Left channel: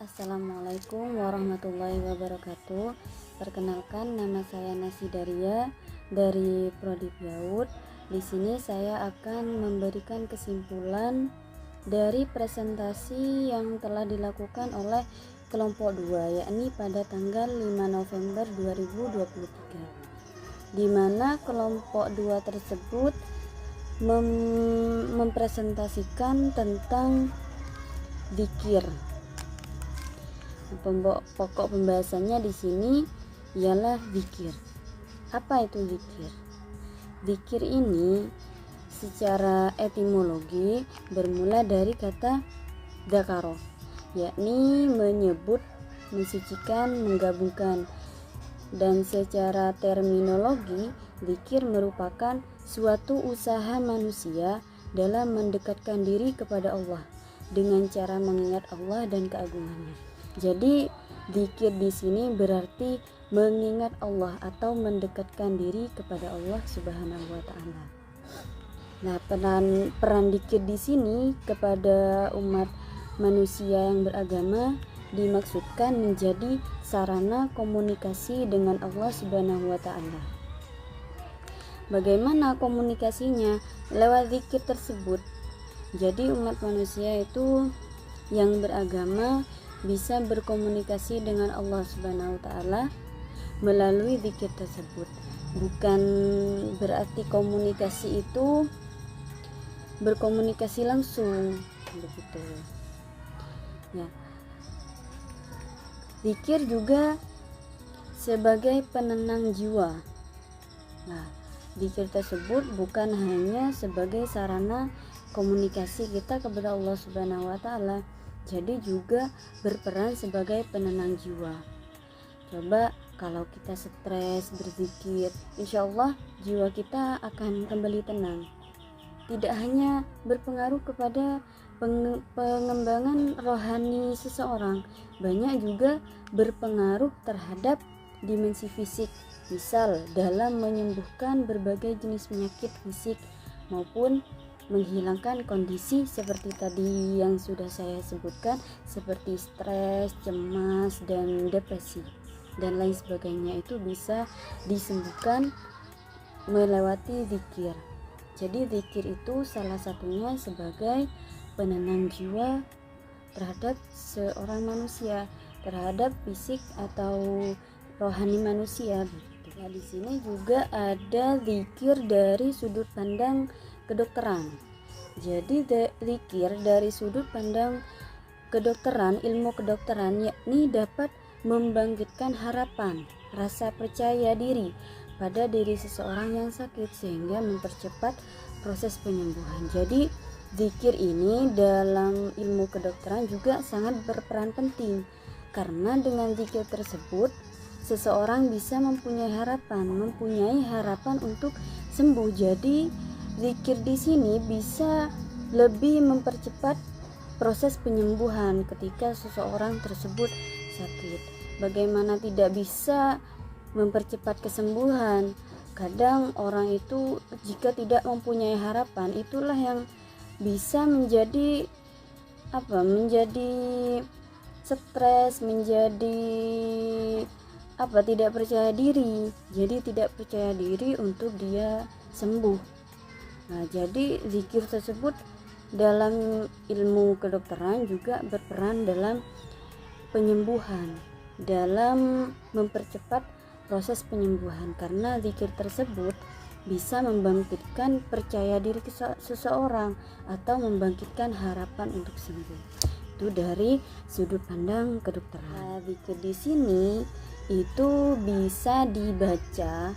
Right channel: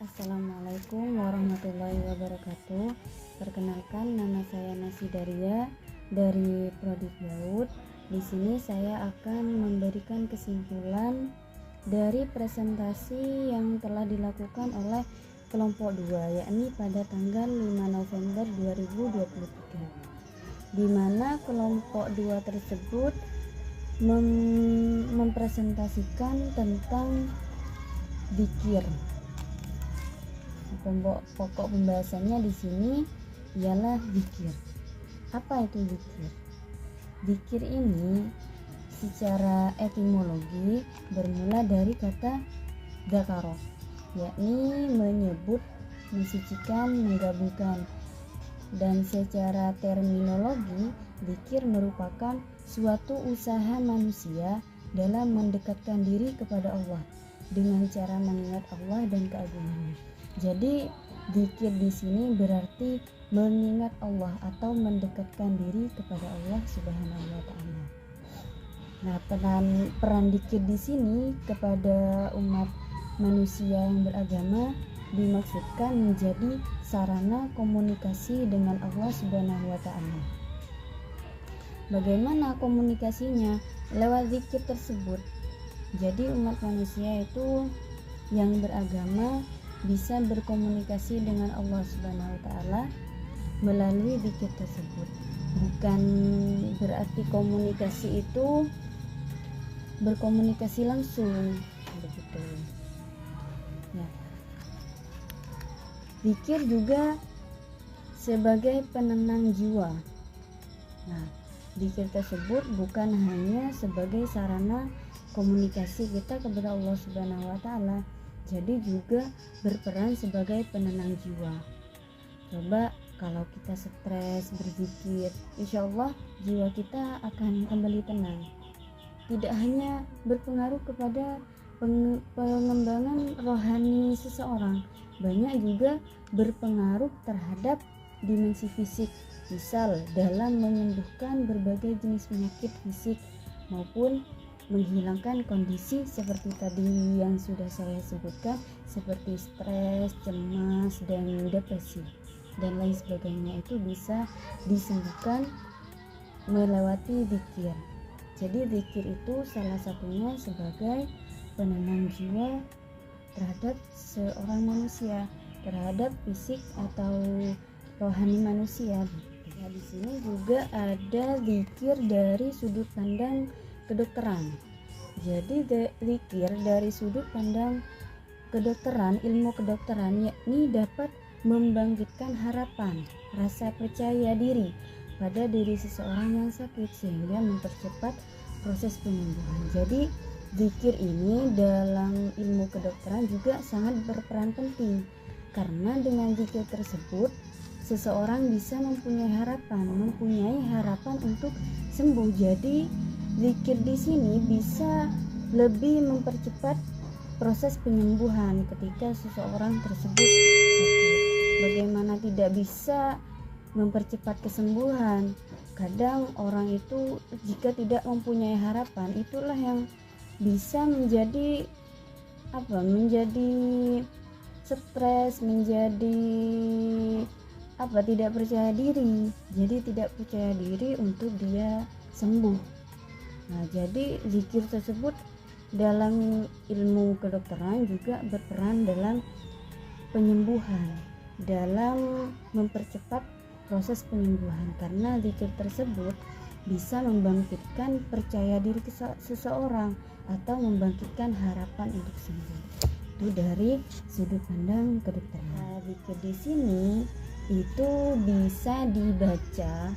Assalamualaikum warahmatullahi wabarakatuh. Perkenalkan, nama saya Nasidaria dari Prodi PAUD. Di sini saya akan memberikan kesimpulan dari presentasi yang telah dilakukan oleh kelompok 2, yakni pada tanggal 5 November 2023, di mana kelompok 2 tersebut mempresentasikan tentang zikir. Pokok pembahasannya di sini ialah zikir. Apa itu zikir? Zikir ini secara etimologi bermula dari kata dzakaro, yakni menyebut, mensucikan, menggabungkan. Dan secara terminologi, zikir merupakan suatu usaha manusia dalam mendekatkan diri kepada Allah dengan cara mengingat Allah dan keagungannya. Jadi zikir di sini berarti mengingat Allah atau mendekatkan diri kepada Allah Subhanahu wa taala. Nah, peran zikir di sini kepada umat manusia yang beragama dimaksudkan menjadi sarana komunikasi dengan Allah Subhanahu wa taala. Bagaimana komunikasinya? Lewat zikir tersebut. Jadi umat manusia itu yang beragama bisa berkomunikasi dengan Allah Subhanahu wa taala melalui zikir tersebut. Bukan berarti komunikasi itu berkomunikasi langsung, begitu. Ya. Zikir juga sebagai penenang jiwa. Nah, zikir tersebut bukan hanya sebagai sarana komunikasi kita kepada Allah Subhanahu wa taala, jadi juga berperan sebagai penenang jiwa. Coba kalau kita stres berzikir, insya Allah jiwa kita akan kembali tenang. Tidak hanya berpengaruh kepada pengembangan rohani seseorang, banyak juga berpengaruh terhadap dimensi fisik, misal dalam menyembuhkan berbagai jenis penyakit fisik maupun menghilangkan kondisi seperti tadi yang sudah saya sebutkan, seperti stres, cemas, dan depresi dan lain sebagainya. Itu bisa disembuhkan melewati zikir. Jadi zikir itu salah satunya sebagai penenang jiwa terhadap seorang manusia, terhadap fisik atau rohani manusia. Nah, di sini juga ada zikir dari sudut pandang kedokteran. Jadi zikir dari sudut pandang kedokteran, ilmu kedokteran, yakni dapat membangkitkan harapan, rasa percaya diri pada diri seseorang yang sakit sehingga mempercepat proses penyembuhan. Jadi zikir ini dalam ilmu kedokteran juga sangat berperan penting, karena dengan zikir tersebut seseorang bisa mempunyai harapan untuk sembuh. Jadi zikir di sini bisa lebih mempercepat proses penyembuhan ketika seseorang tersebut sakit. Bagaimana tidak bisa mempercepat kesembuhan? Kadang orang itu jika tidak mempunyai harapan, itulah yang bisa menjadi stres, tidak percaya diri. Jadi tidak percaya diri untuk dia sembuh. Nah, jadi zikir tersebut dalam ilmu kedokteran juga berperan dalam penyembuhan, dalam mempercepat proses penyembuhan, karena zikir tersebut bisa membangkitkan percaya diri seseorang atau membangkitkan harapan untuk sembuh. Itu dari sudut pandang kedokteran. Nah, zikir di sini itu bisa dibaca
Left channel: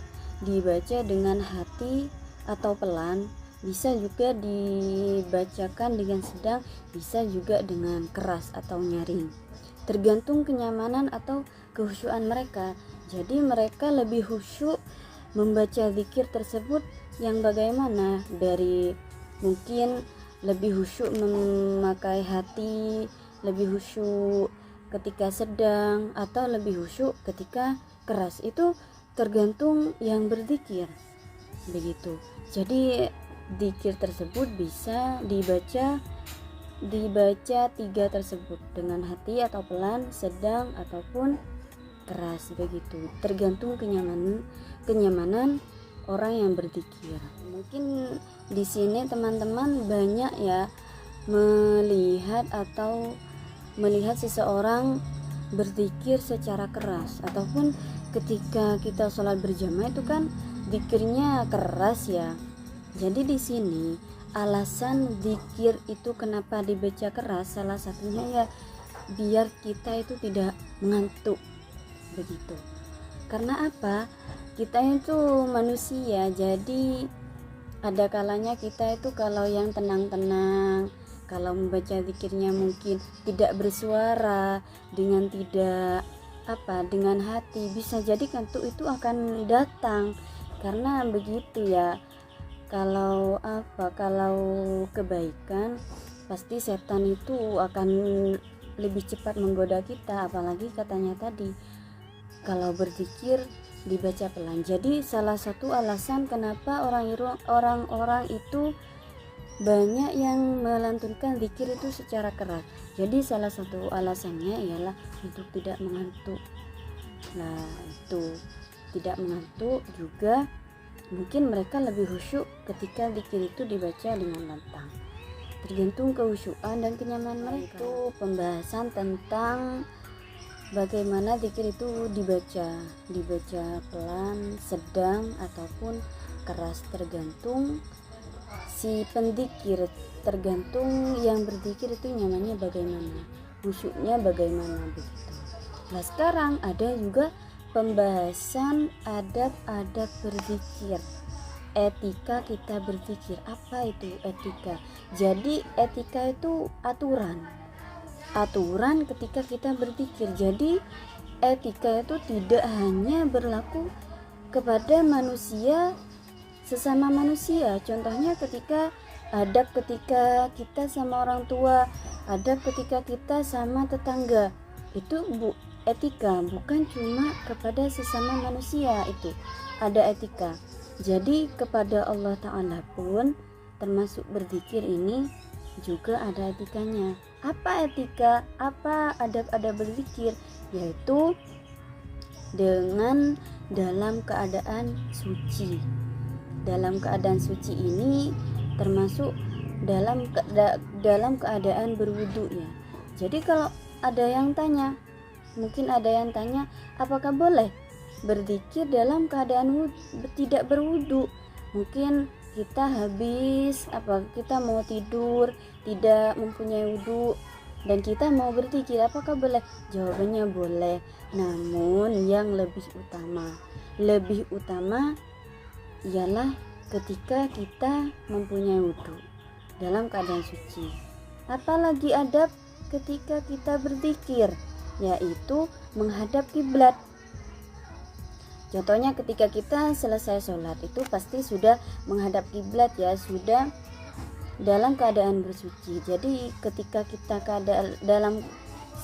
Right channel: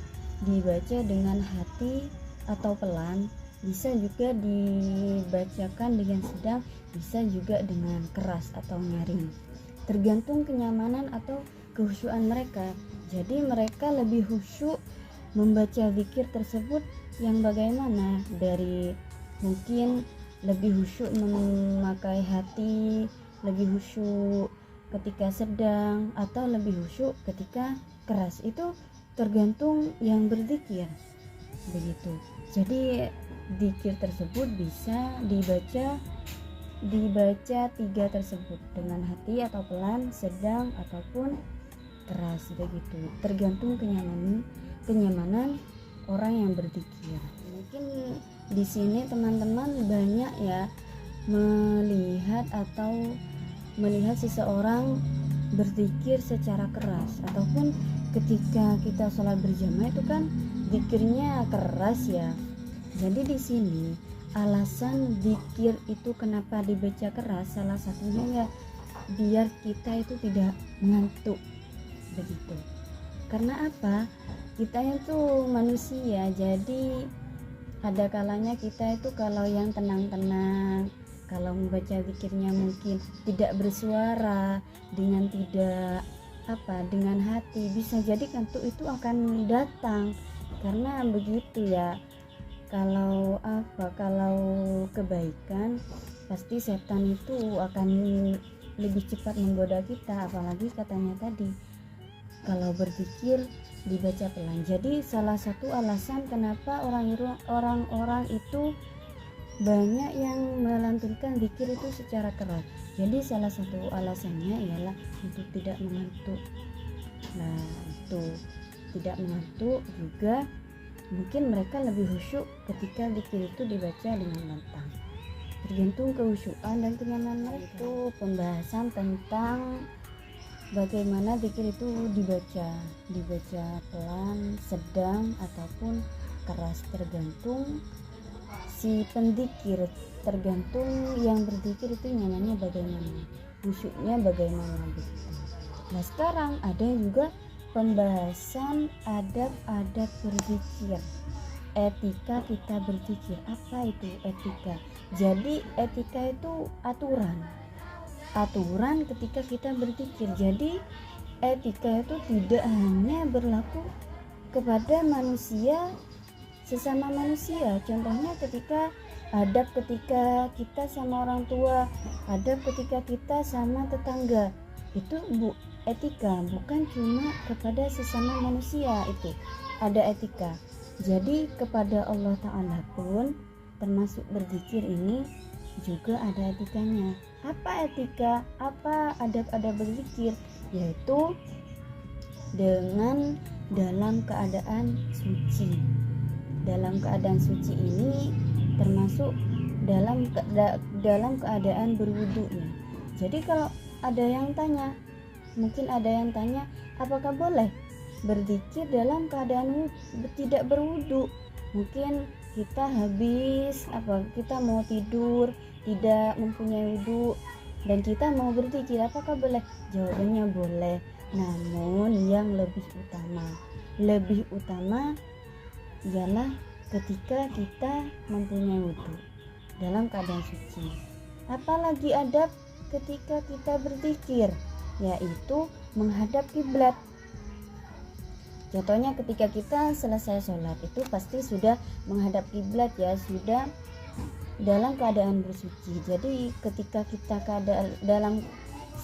dengan hati atau pelan, bisa juga dibacakan dengan sedang, bisa juga dengan keras atau nyaring, tergantung kenyamanan atau kehusyuan mereka. Jadi mereka lebih khusyuk membaca zikir tersebut yang bagaimana, dari mungkin lebih khusyuk memakai hati, lebih khusyuk ketika sedang, atau lebih khusyuk ketika keras. Itu tergantung yang berzikir, begitu. Jadi zikir tersebut bisa dibaca dibaca 3 tersebut, dengan hati atau pelan, sedang ataupun keras, begitu. Tergantung kenyamanan orang yang berzikir. Mungkin di sini teman-teman banyak ya melihat seseorang berzikir secara keras, ataupun ketika kita sholat berjamaah itu kan zikirnya keras ya. Jadi di sini alasan zikir itu kenapa dibaca keras, salah satunya ya biar kita itu tidak mengantuk, begitu. Karena apa? Kita itu manusia, jadi ada kalanya kita itu kalau yang tenang-tenang, kalau membaca zikirnya mungkin tidak bersuara, dengan hati, bisa jadi kantuk itu akan datang. Karena begitu ya, kalau kebaikan pasti setan itu akan lebih cepat menggoda kita, apalagi katanya tadi kalau berzikir dibaca pelan. Jadi salah satu alasan kenapa orang-orang itu banyak yang melantunkan zikir itu secara keras. Jadi salah satu alasannya ialah untuk tidak mengantuk. Nah, itu tidak mengantuk juga, mungkin mereka lebih khusyuk ketika zikir itu dibaca dengan lantang. Tergantung kehusyukan dan kenyamanan mereka. Itu pembahasan tentang bagaimana zikir itu dibaca pelan, sedang ataupun keras, tergantung si penzikir, tergantung yang berzikir itu nyamannya bagaimana, khusyuknya bagaimana, begitu. Nah, sekarang ada juga pembahasan adab-adab berzikir, etika kita berzikir. Apa itu etika? Jadi etika itu aturan ketika kita berzikir. Jadi etika itu tidak hanya berlaku kepada manusia, sesama manusia. Contohnya adab ketika kita sama orang tua, adab ketika kita sama tetangga. Itu etika, bukan cuma kepada sesama manusia, itu ada etika. Jadi kepada Allah Ta'ala pun termasuk berzikir ini juga ada etikanya. Apa etika? Apa adab-adab berzikir? Yaitu dengan dalam keadaan suci. Dalam keadaan suci ini termasuk dalam keadaan berwudu ya. Jadi kalau mungkin ada yang tanya, apakah boleh berzikir dalam keadaan tidak berwudu? Mungkin kita kita mau tidur, tidak mempunyai wudu, dan kita mau berzikir, apakah boleh? Jawabannya boleh, namun yang lebih utama ialah ketika kita mempunyai wudu dalam keadaan suci. Apalagi adab ketika kita berzikir, yaitu menghadap kiblat. Contohnya ketika kita selesai sholat itu pasti sudah menghadap kiblat ya, sudah dalam keadaan bersuci. Jadi ketika kita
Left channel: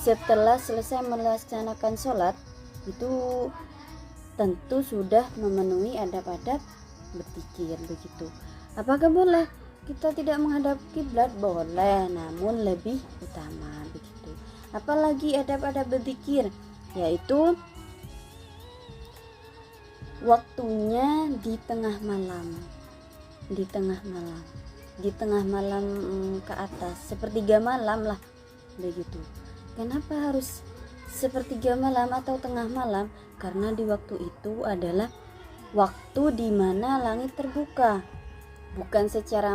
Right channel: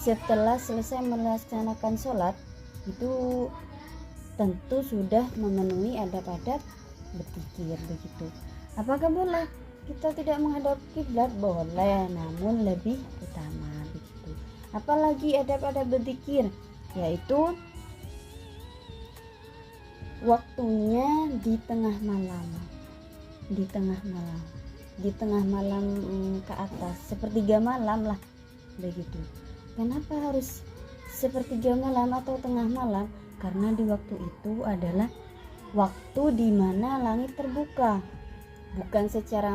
setelah selesai melaksanakan sholat itu tentu sudah memenuhi adab-adab berzikir, begitu. Apakah boleh kita tidak menghadap kiblat? Boleh, namun lebih utama, begitu. Apalagi adab-adab berzikir, yaitu waktunya di tengah malam ke atas, sepertiga malam lah, begitu. Kenapa harus sepertiga malam atau tengah malam? Karena di waktu itu adalah waktu di mana langit terbuka, bukan secara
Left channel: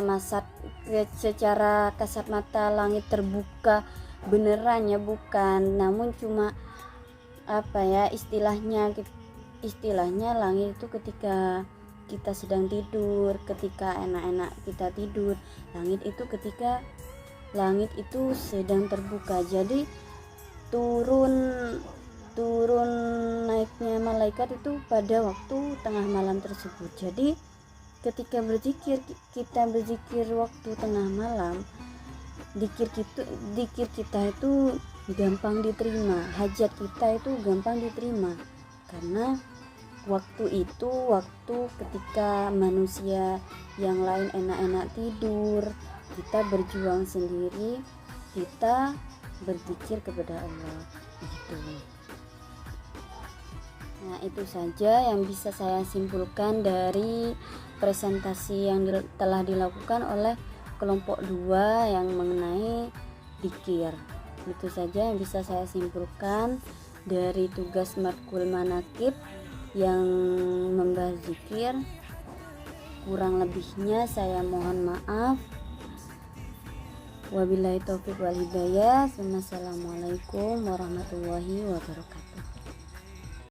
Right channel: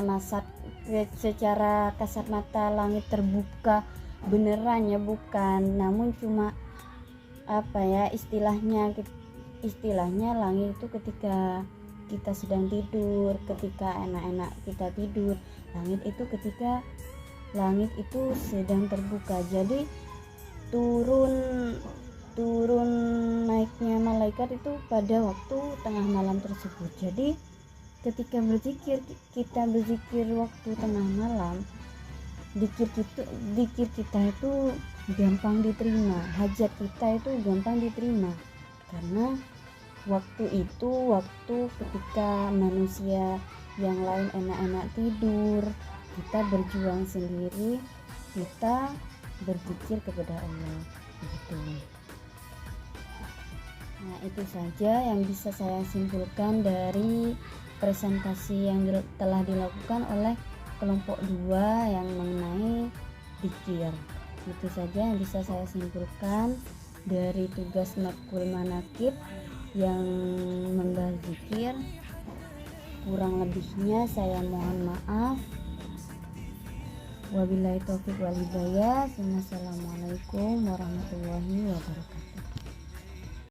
kasat mata langit terbuka beneran ya, bukan, namun cuma istilahnya langit itu ketika kita sedang tidur, ketika enak-enak kita tidur. Langit itu ketika langit itu sedang terbuka. Jadi turun naiknya malaikat itu pada waktu tengah malam tersebut. Jadi ketika kita berzikir waktu tengah malam, zikir kita itu gampang diterima, hajat kita itu gampang diterima. Karena waktu itu ketika manusia yang lain enak-enak tidur, kita berjuang sendiri kita berzikir kepada Allah gitu. Nah, itu saja yang bisa saya simpulkan dari presentasi yang telah dilakukan oleh kelompok 2 yang mengenai zikir. Itu saja yang bisa saya simpulkan dari tugas matkul manakib yang membahas zikir. Kurang lebihnya saya mohon maaf. Wabillahi taufiq wal hidayah. Wassalamualaikum warahmatullahi wabarakatuh.